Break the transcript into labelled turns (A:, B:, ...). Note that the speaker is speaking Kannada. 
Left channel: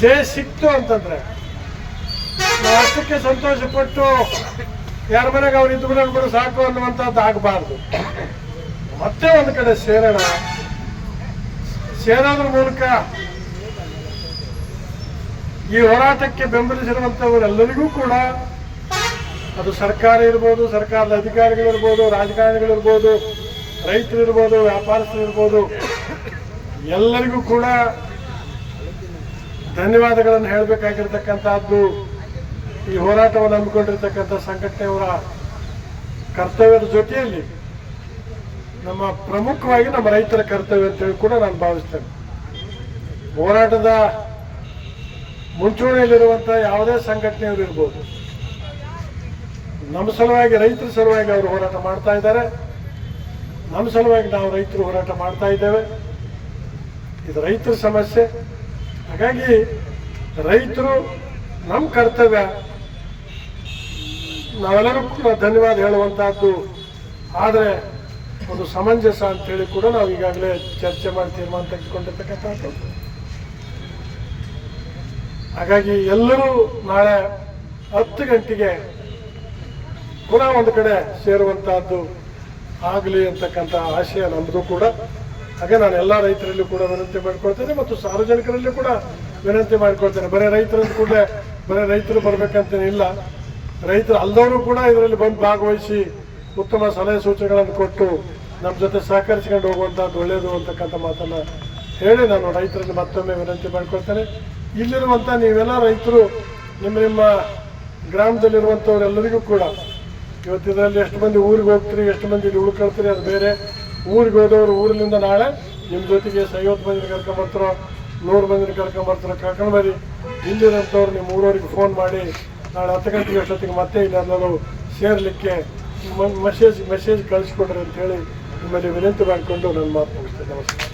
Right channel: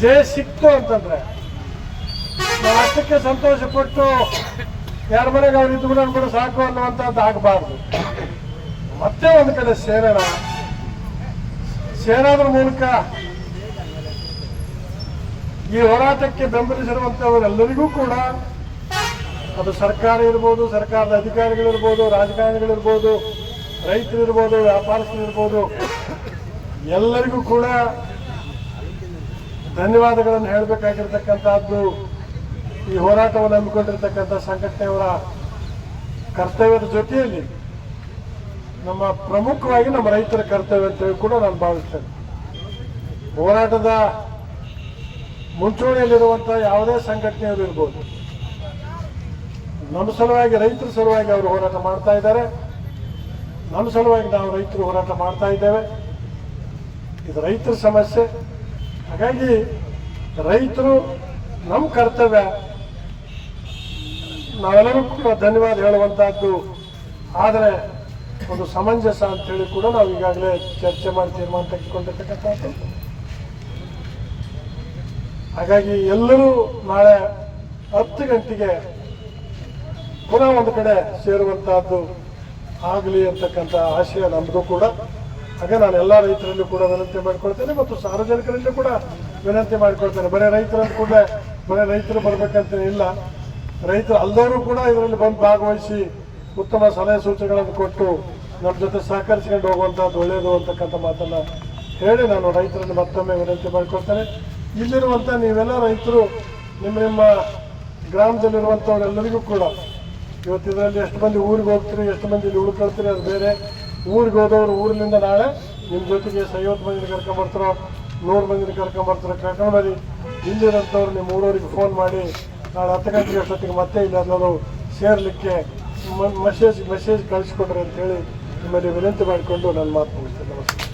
A: ಜಯ ಸಿಕ್ತು ಅಂತಂದ್ರೆ ಅಷ್ಟಕ್ಕೆ ಸಂತೋಷ ಪಟ್ಟು ಯಾರ ಮನೆಗೆ ಅವ್ರು ಕೂಡ ಸಾಕು ಅನ್ನುವಂಥದ್ದು ಆಗಬಾರ್ದು. ಮತ್ತೆ ಒಂದು ಕಡೆ ಸೇರೋಣ ಸೇರೋದ್ರ ಮೂಲಕ ಈ ಹೋರಾಟಕ್ಕೆ ಬೆಂಬಲಿಸಿರುವಂಥವರೆಲ್ಲರಿಗೂ ಕೂಡ ಅದು ಸರ್ಕಾರ ಇರ್ಬೋದು, ಸರ್ಕಾರದ ಅಧಿಕಾರಿಗಳಿರ್ಬೋದು, ರಾಜಕಾರಣಿಗಳಿರ್ಬೋದು, ರೈತರಿರ್ಬೋದು, ವ್ಯಾಪಾರಸ್ಥರಿರ್ಬೋದು, ಎಲ್ಲರಿಗೂ ಕೂಡ ಧನ್ಯವಾದಗಳನ್ನು ಹೇಳಬೇಕಾಗಿರ್ತಕ್ಕಂಥದ್ದು, ಈ ಹೋರಾಟವನ್ನು ಹಮ್ಮಿಕೊಂಡಿರ್ತಕ್ಕಂಥ ಸಂಘಟನೆಯವರ ಕರ್ತವ್ಯದ ಜೊತೆಯಲ್ಲಿ ನಮ್ಮ ಪ್ರಮುಖವಾಗಿ ನಮ್ಮ ರೈತರ ಕರ್ತವ್ಯ ಅಂತೇಳಿ ಕೂಡ ನಾನು ಭಾವಿಸ್ತೇನೆ. ಹೋರಾಟದ ಮುಂಚೂಣಿಯಲ್ಲಿರುವಂಥ ಯಾವುದೇ ಸಂಘಟನೆಯವರು ಇರ್ಬೋದು. ನಮ್ಮ ಸಲುವಾಗಿ, ರೈತರ ಸಲುವಾಗಿ ಅವರು ಹೋರಾಟ ಮಾಡ್ತಾ ಇದ್ದಾರೆ. ನಮ್ಮ ಸಲುವಾಗಿ ನಾವು ರೈತರು ಹೋರಾಟ ಮಾಡ್ತಾ ಇದ್ದೇವೆ. ಇದು ರೈತರ ಸಮಸ್ಯೆ. ಹಾಗಾಗಿ ರೈತರು ನಮ್ಮ ಕರ್ತವ್ಯ. ನಾವೆಲ್ಲರೂ ಕೂಡ ಧನ್ಯವಾದ ಹೇಳುವಂತಹದ್ದು. ಆದರೆ ಒಂದು ಸಮಂಜಸ ಅಂತೇಳಿ ಕೂಡ ನಾವು ಈಗಾಗಲೇ ಚರ್ಚೆ ಮಾಡಿ ತೀರ್ಮಾನ ತೆಗೆದುಕೊಂಡಿರ್ತಕ್ಕಂಥದ್ದು ಹಾಗಾಗಿ ಎಲ್ಲರೂ ನಾಳೆ ಹತ್ತು ಗಂಟೆಗೆ ಪುನಃ ಒಂದು ಕಡೆ ಸೇರುವಂತಹದ್ದು ಆಗಲಿ ಅಂತಕ್ಕಂಥ ಆಶಯ ನಮ್ಮದು ಕೂಡ. ಹಾಗೆ ನಾನು ಎಲ್ಲ ರೈತರಲ್ಲೂ ಕೂಡ ವಿನಂತಿ ಮಾಡ್ಕೊಳ್ತೇನೆ ಮತ್ತು ಸಾರ್ವಜನಿಕರಲ್ಲೂ ಕೂಡ ವಿನಂತಿ ಮಾಡ್ಕೊಳ್ತೇನೆ. ಬರೀ ರೈತರು ಕೂಡ ಬರೀ ರೈತರು ಬರ್ಬೇಕಂತೇನಿಲ್ಲ ರೈತರು ಅಲ್ಲದವರು ಕೂಡ ಇದರಲ್ಲಿ ಬಂದು ಭಾಗವಹಿಸಿ ಉತ್ತಮ ಸಲಹೆ ಸೂಚನೆಗಳನ್ನು ಕೊಟ್ಟು ನಮ್ಮ ಜೊತೆ ಸಹಕರಿಸಿಕೊಂಡು ಹೋಗುವಂಥದ್ದು ಒಳ್ಳೆಯದು ಅಂತಕ್ಕಂಥ ಮಾತನ್ನು ಹೇಳಿ ನಾನು ರೈತರಲ್ಲಿ ಮತ್ತೊಮ್ಮೆ ವಿನಂತಿ ಮಾಡ್ಕೊಳ್ತೇನೆ. ಇಲ್ಲಿರುವಂಥ ನೀವೆಲ್ಲ ರೈತರು, ನಿಮ್ಮ ನಿಮ್ಮ ಗ್ರಾಮದಲ್ಲಿರುವಂಥವರೆಲ್ಲರಿಗೂ ಕೂಡ, ಇವತ್ತು ಇದರಲ್ಲಿ ಎಷ್ಟು ಮಂದಿ ಊರಿಗೆ ಹೋಗ್ತೀರಿ, ಎಷ್ಟು ಮಂದಿ ಇಲ್ಲಿ ಉಳ್ಕೊಳ್ತೀರಿ ಅದು ಬೇರೆ. ಊರಿಗೆ ಹೋದವರು ಊರಿನಿಂದ ನಾಳೆ ನಿಮ್ಮ ಜೊತೆಗೆ ಐವತ್ತು ಮಂದಿನ ಕರ್ಕೊಂಬರ್ತಾರೆ ನೂರು ಮಂದಿನ ಕರ್ಕೊಂಬರ್ತಾರೆ ಕರ್ಕೊಂಡು ಇಲ್ಲಿರೋಂಥವ್ರು ನಿಮ್ಮ ಊರವರಿಗೆ ಫೋನ್ ಮಾಡಿ, ನಾಳೆ ಹತ್ತು ಗಂಟೆಗೆ ಅಷ್ಟೊತ್ತಿಗೆ ಮತ್ತೆ ಇಲ್ಲಿ ಎಲ್ಲರೂ ಸೇರಲಿಕ್ಕೆ ಮೆಸೇಜ್ ಮೆಸೇಜ್ ಕಳಿಸ್ಕೊಡ್ರಿ ಅಂತ ಹೇಳಿ ನಿಮ್ಮಲ್ಲಿ ವಿನಂತಿ ಮಾಡಿಕೊಂಡು ನನ್ನ ಮಾತು ಮುಗಿಸ್ತೇನೆ. ನಮಸ್ಕಾರ.